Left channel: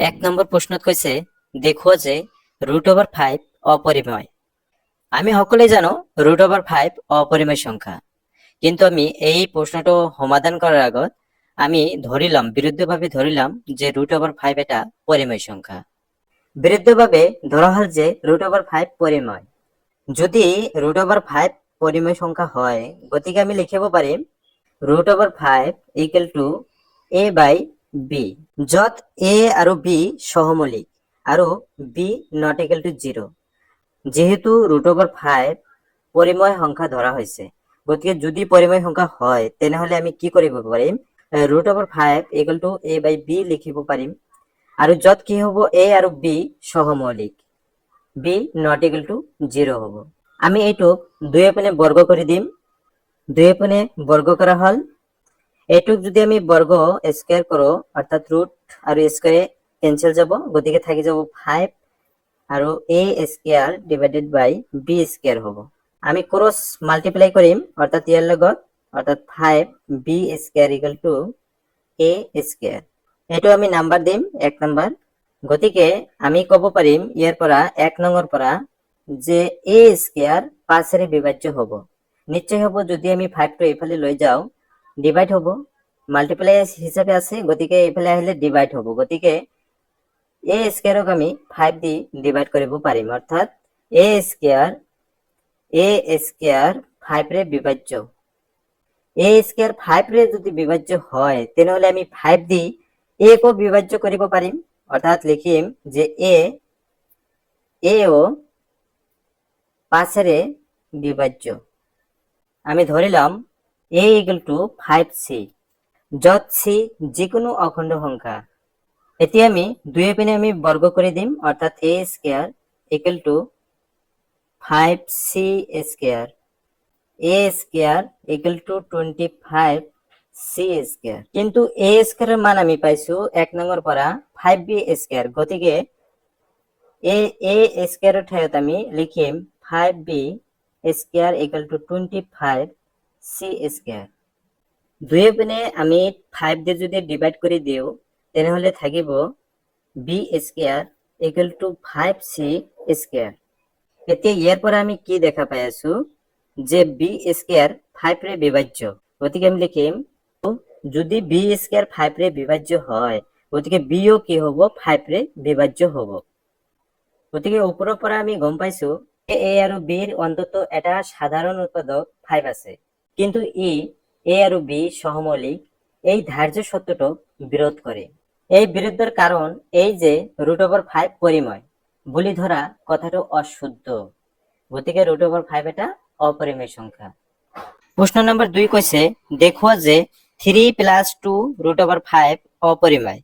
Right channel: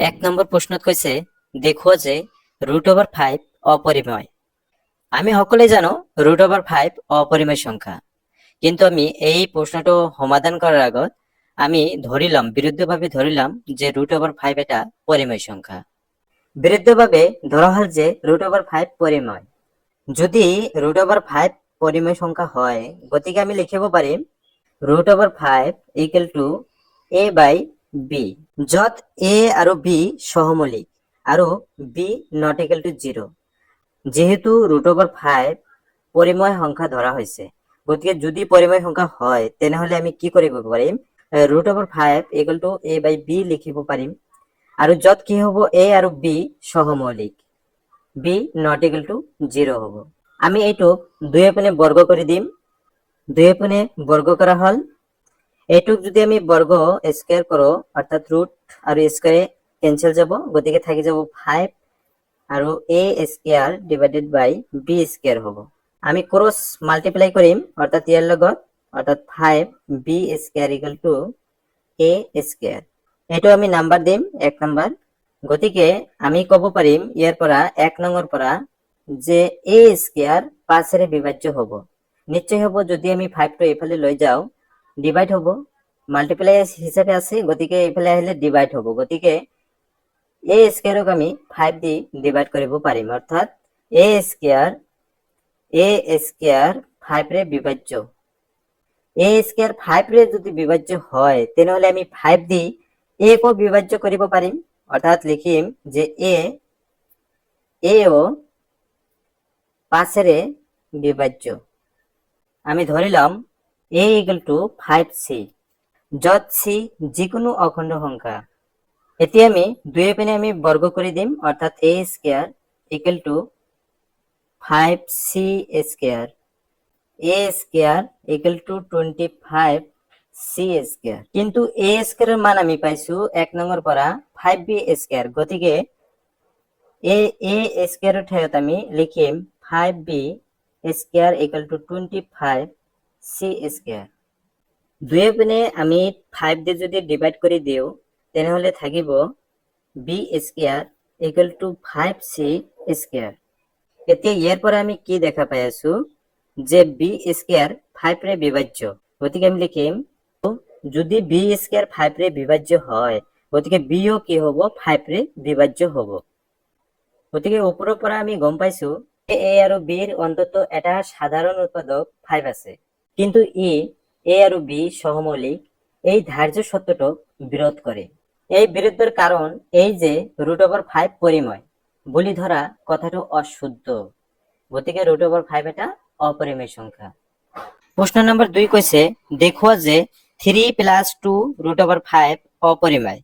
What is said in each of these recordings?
এক নম্বৰ প্ৰশ্নত কৈছে দেখুৱা যে √5 অপৰিমেয়। আমি সকলোৱে জানো √5 অপরিমেয় সংখ্যা, কিন্তু আমি এই প্রশ্নটো সমাধান করার আগত আমি বিরুদ্ধভাবে ধরিলাম যে √5 এটা পরিমেয় সংখ্যা। বিরুদ্ধভাবে ধরা হল যে √5 পরিমেয়। যদি √5 পরিমেয় সংখ্যা হয়, গতিকে আমি লিখিব পাৰিম √5 ইকুৱেল টু a/b, যত a আৰু b সহমৌলিক আৰু b নট ইকুৱেল টু 0। যেহেতু √5 পরিমেয় সংখ্যা ধরা হয়েছে, গতিকে যদি পরিমেয় সংখ্যা হয় তেনেহলে আমি কি কৰিব পাৰিম, √5 ইকুৱেল টু a/b লিখিব পাৰিম। আৰু যত কি হ'ব, a আৰু b সহমৌলিক, b not equal to 0 হ'ব। আমি এইটো দুই পিনে বর্গ কৰি দিম। দুই পিনে বর্গ করা হল। এইটুক যদি আমি বর্গ স্কয়ার করো, অর্থাৎ রুট আর স্কয়ারে ক্যান্সেল যাব, গতিকে থাকি যাব 5 আৰু a square divided by b square হ'ব। আমি ক্রস মাল্টিপ্লাই কৰিম, অর্থাৎ ইয়াৰ লগত, অর্থাৎ 5b square equal to a square. এইটো আমি নাম্বার দিম 1 নাম্বার। গতিকে আমি কব পাৰিম ইয়াৰ পৰা 1 নংৰ পৰা যে a স্কয়ার 5 ৰে বিভাজ্য হ'ব। নিশ্চয় হ'ব, যদি আমি 5 টো এইফালে লৈ যাও ডিভাইড হ'ব, মাল্টিপ্লাই হিচাপে আছে, গতিকে এইফালে আহিলে ডিভাইড হ'ব। গতিকে a স্কয়ারক আমি 5 দি ডিভাইড কৰিব পাৰিম, অর্থাৎ a স্কয়ার 5 রে বিভাজ্য। a স্কয়ার 5 রে যদি বিভাজ্য হয় তেনেহলে আমি 5 দি a কো বিভাজ্য কৰিব পাৰিম, অর্থাৎ লিখিম যে a ও 5 রে বিভাজ্য। আমি ধরিলাম a ইকুয়াল টু 5c, যত c যিকোনো অখণ্ড সংখ্যা। এতিয়া আমি দুই পিনে আমি বর্গ কৰি দিম, অর্থাৎ a square equal to 5c square, a square equal to 25c square. কিন্তু a স্কয়ারের মান আমি পাইছো 1 নংৰ পৰা 5b স্কয়ার, গতিকে a স্কয়ারের ঠাইত আমি লিখিম 5b square equal to 25c square. দুই পিনে আমি 5 দিয়ে যদি ডিভাইড কৰি দিও তেনেহলে থাকিব b square equal to 5c square. এতিয়া ইয়াৰ পৰা আমি কি দেখা পাই আছো যে b স্কয়ার 5 রে বিভাজ্য, গতিকে আমি লিখিম যদি b স্কয়ার 5 রে বিভাজ্য হয়, গতিকে b ও কি হ'ব, 5 রে বিভাজ্য হ'ব। গতিকে ওপৰৰ পৰা আমি গম পাইছো a আৰু b ৰ অন্তত এটা সাধারণ উৎপাদক 5 আছে, কিন্তু a আৰু b সহমৌলিক এই ধার্য সত্যটো বিৰোধ কৰে। এই বিৰোধৰ কারণ এই যে √5 পরিমেয় বুলি ধরা কথাটো অশুদ্ধ, গতিকে √5 এটা অপরিমেয় সংখ্যা। প্রশ্ন নম্বর 2 কৈছে দেখুৱা যে 3 + 2 √5 অপরিমেয়।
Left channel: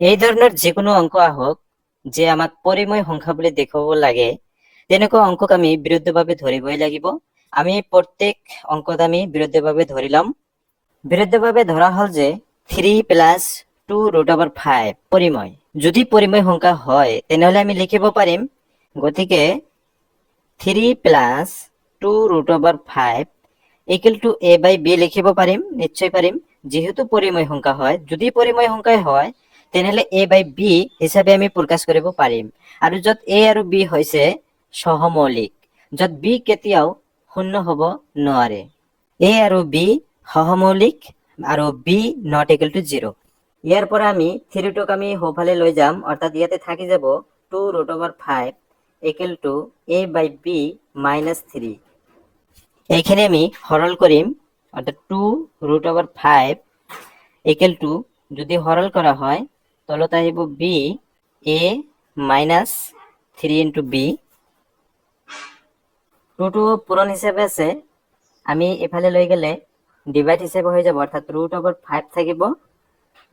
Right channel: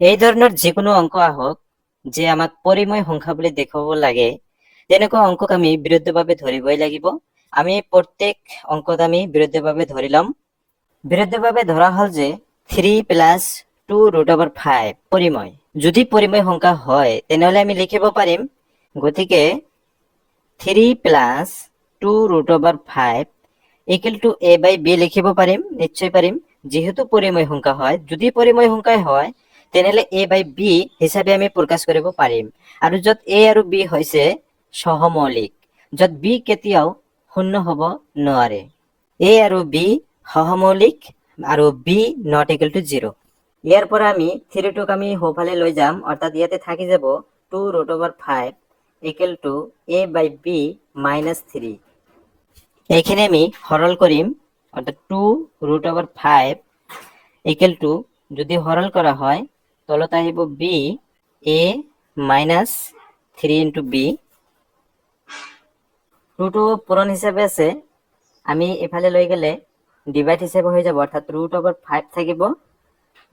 এই ধৰণৰ যিকোনো অঙ্ক আহক যে আমাক পরিমেয় সংখ্যা বুলি দেখুৱাব লাগে, তেনেকুৱা অঙ্কক আমি বিৰুদ্ধভাৱে ধৰিবই লাগিব। আমি প্ৰত্যেক অঙ্কত আমি বিৰুদ্ধভাৱে ধৰিলাম। বিৰুদ্ধভাৱে ধৰা হল যে 3 + 2 √5 পরিমেয়। যদি পরিমেয় সংখ্যা হয় তেনেহলে আমি লিখিব পাৰিম, গতিকে 3 + 2 √5 ইকুয়াল টু a/b লিখিব পাৰিম, নিশ্চয় পাৰিম, যেহেতু পরিমেয় সংখ্যা হয়। যদি পরিমেয় সংখ্যা হয় তেনেহলে a/b হিচাপে আমি প্রকাশ কৰিব পাৰিম। আৰু যত a আৰু b হৈছে সহমৌলিক, যত b কেতিয়াও শূন্য হ'ব নোৱাৰে। a আৰু b সহমৌলিক আৰু b নট ইকুয়াল টু 0। ইয়াৰ পৰা আমি 3 টোক আমি সোঁফালে লৈ যাম, অর্থাৎ ইয়াতে থাকি যাব 2 √5 ইকুয়াল টু a/b - 3। এইখানে আমি সরল করিম, অর্থাৎ 2 √5 ইকুয়াল টু, যদি সরল করা হয় তলত আহিব b a - 3 ইন্টু b। 2 টো পূরণ হিসাবে আছে, আমি এফালে লৈ গেলে ডিভাইড হিসাবে হয়ে যাব, অর্থাৎ √5 থাকিব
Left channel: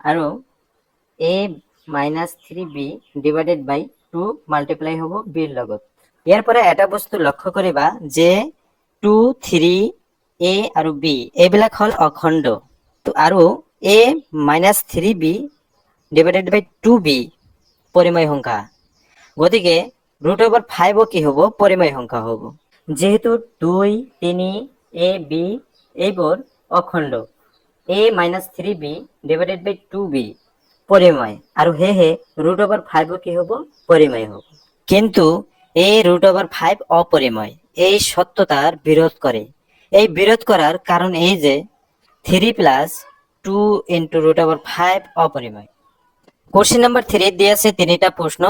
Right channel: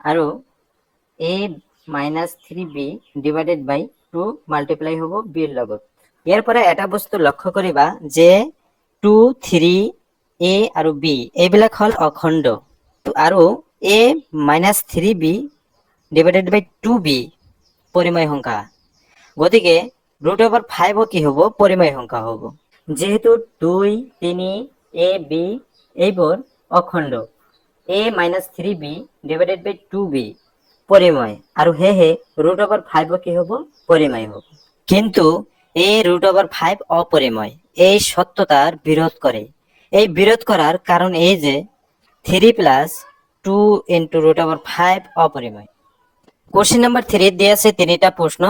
আৰু a - 3b divided by 2 multiply হ'ব b ৰ লগত। ইয়াৰ পৰা এটা বস্তু লক্ষ্য কৰিবা যে 2, 3, a আৰু b এইবিলাক হল অখণ্ড, আৰু a - 3b divided by 2b পরিমেয় সংখ্যা। গতিকে √5 কি হ'ব, পরিমেয় সংখ্যা হ'ব। যেহেতু 2, 3, a, b এইবোৰ অখণ্ড, a - 3b divided by 2b পৰিময় আৰু সেয়েহে √5 কি হ'ব পৰিময় হ'ব। কিন্তু এই √5 অপরিময়। এই সত্যতার বিরোধ করে। এই বিরোধ করার কারণ এই যে 3 + 2 × √5 অপরিময়। কোশ্চেন নাম্বার 3 দিয়ে আছে 3টা প্রশ্ন,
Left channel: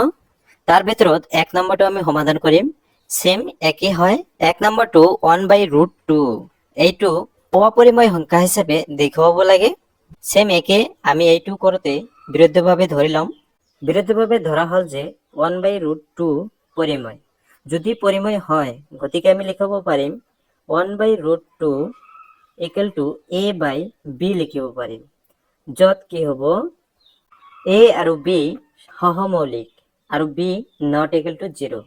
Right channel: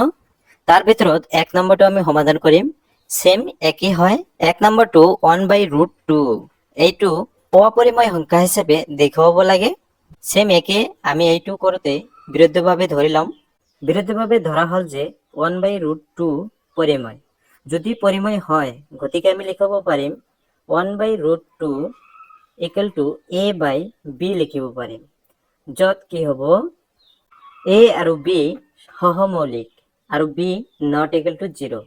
তার ভিতৰত 1 নম্বৰটো আমি সমাধান কৰিম। সেম একই হয়। 1 নম্বৰটো 1/√2 এইটো অপরিময় সংখ্যা হিসেবে দেখুৱাব লাগে। সেম একে আমি এইটো কৰোতে বিৰুদ্ধভাৱে ধৰি লম। বিৰুদ্ধভাৱে ধৰা হল যে 1/√2 পৰিময়। যদি পৰিময় হয় গতিকে আমি লিখিব পাৰিম 1/√2 = a/b লিখিব পাৰিম, য'ত কি হ'ব a আৰু b সহমৌলিক আৰু b ≠ 0।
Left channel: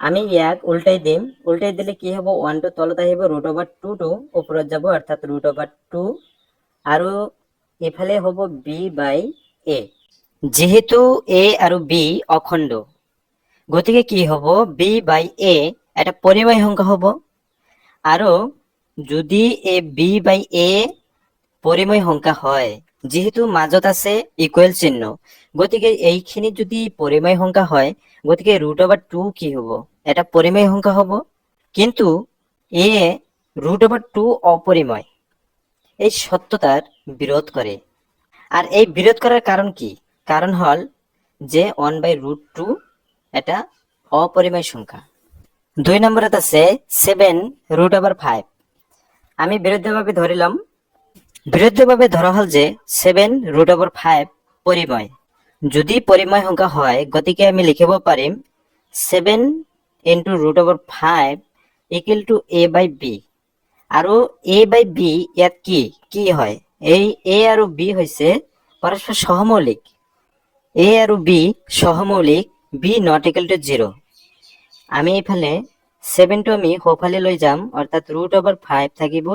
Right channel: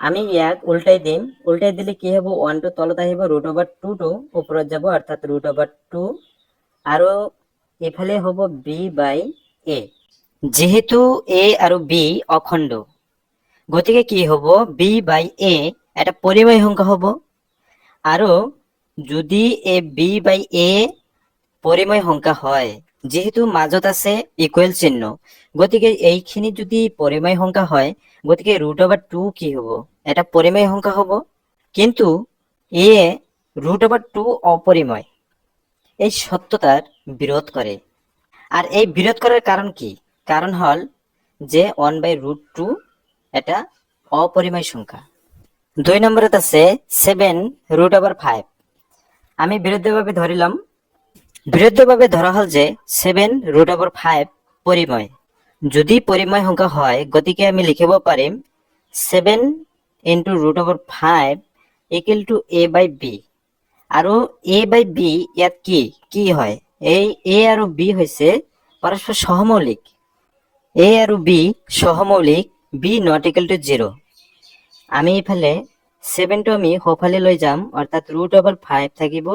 আমি ইয়াক উল্টাই দিম। উল্টাই দিলে কি হ'ব 1 টো তলত আহিব, √2 টো ওপৰত যাব অৰ্থাৎ √2 আৰু এফালে হ'ব b/a। যেহেতু a আৰু b অখণ্ড গতিকে কি হ'ব b/a এটা পৰিমেয় সংখ্যা হ'ব। আৰু যদি b/a পৰিমেয় সংখ্যা হয়, যেহেতু মাজত আছে ইকুৱেল চিহ্ন, গতিকে এইখিনি যদি পৰিমেয় সংখ্যা হয় গতিকে √2 কি হ'ব এটা পৰিমেয় সংখ্যা হ'ব। কিন্তু a √2 অপরিময়। এই সত্যতার বিরোধ করে। আর এই বিরোধ করার কারণ কি? কারণ হল যে 1/√2 এটা অপরিমেয় সংখ্যা। 2 নম্বরত আছে 7√5। আমি বিরুদ্ধভাবে ধরিলাম। বিরুদ্ধভাবে ধরা হল যে 7√5 পরিময়। যদি পরিময় সংখ্যা হয় গতিকে আমি লিখিব পাৰিম 7 × √5 = a/b। আৰু a/b ইয়াত কি হয়? এই a আৰু b হৈছে পৰস্পৰ সহমৌলিক। a আৰু b সহমৌলিক, b ≠ 0। আমি এইফালে 7 টো আমি সোঁফালে লৈ যাম অৰ্থাৎ √5 থাকিব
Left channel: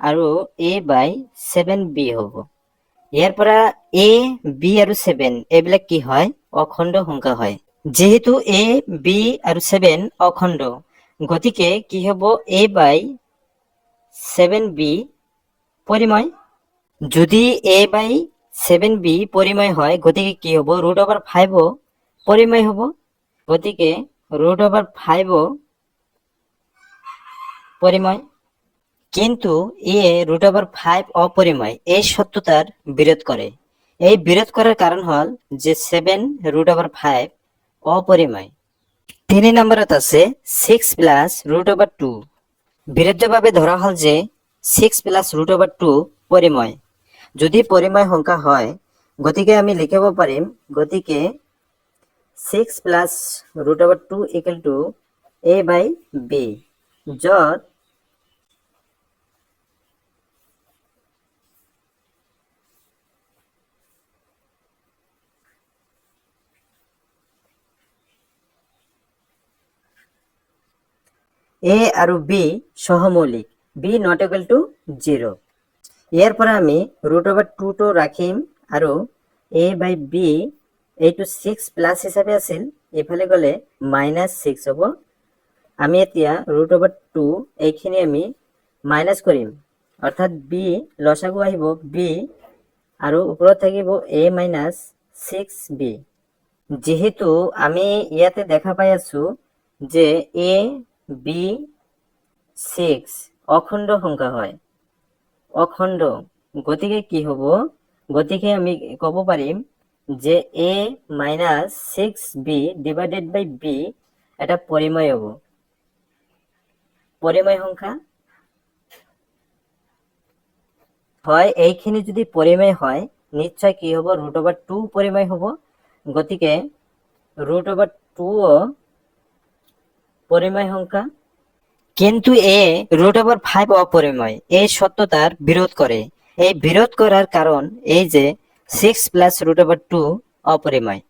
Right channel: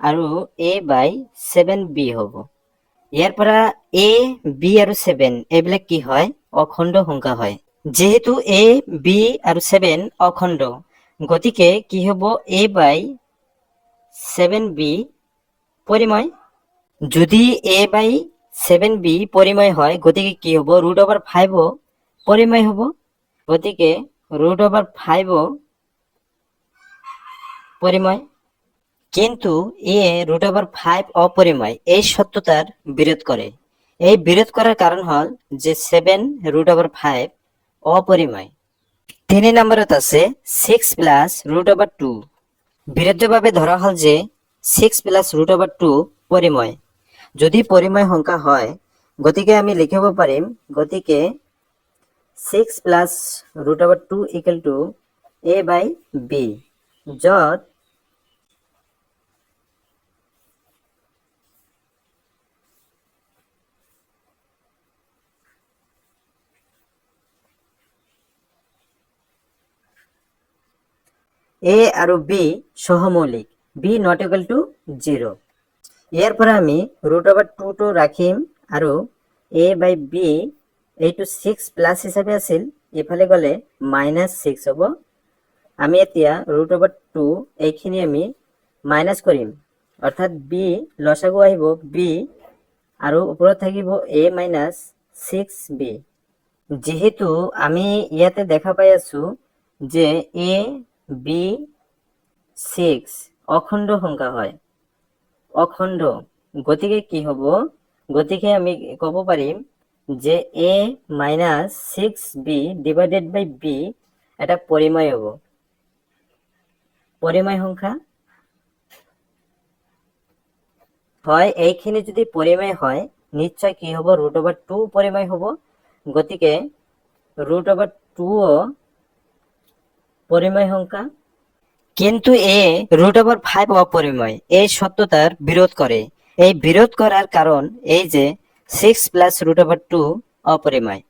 আৰু a/7b হ'ব। ইয়াৰ পৰা a, b আৰু 7 এইবিলাক কি হয় অখণ্ড সংখ্যা হয়। যেহেতু a, b আৰু 7 অখণ্ড গতিকে কি হ'ব a/7b পৰিময়। যদি a/7b পৰিময় হয় গতিকে কি হ'ব √5 পৰিময় হ'ব। গতিকে √5 পৰিময়। কিন্তু √5 অপরিময়। এই সত্যতার বিরোধ করে। এই বিরোধ করার কারণ হল যে 7√5 অপরিময়। 3 নম্বরত আছে 6 + √2। বিরুদ্ধভাবে ধরা হল যে 6 + √2 পৰিময়। যদি পৰিময় সংখ্যা হয় গতিকে আমি লিখিব পাৰিম গতিকে 6 + √2 = a/b, য'ত a আৰু b সহমৌলিক, b ≠ 0। ইয়াৰ পৰা আমি √2 টো ৰাখিম আৰু a/b এইটো 6+ হিচাপে আছিল, এইফালে গ'লে -6 হ'ব। আমি এতিয়া √2 এইখিনি আমি মাইনাছ কৰিম অৰ্থাৎ b লসাগু আহিব b আৰু ওপৰত থাকিব a-6b। যেহেতু আমি ইয়াতে দেখা পাই আছো যে a, b, 6 অখণ্ড সংখ্যা হয়। অখণ্ড গতিকে কি হ'ব? গতিকে আমি ক'ব পাৰিম যে a-6b / b এটা পৰিময় হ'ব। পৰিময় সংখ্যা হয়। এইখিনি যদি পৰিময় হয় নিশ্চয় কি হ'ব √2 পৰিময় হ'ব। গতিকে √2 পৰিময় সংখ্যা। কিন্তু √5 অপরিময়। এই সত্যতার বিরোধ করে। এই বিরোধ করার কারণ এই যে 6 + √2 অপরিময়।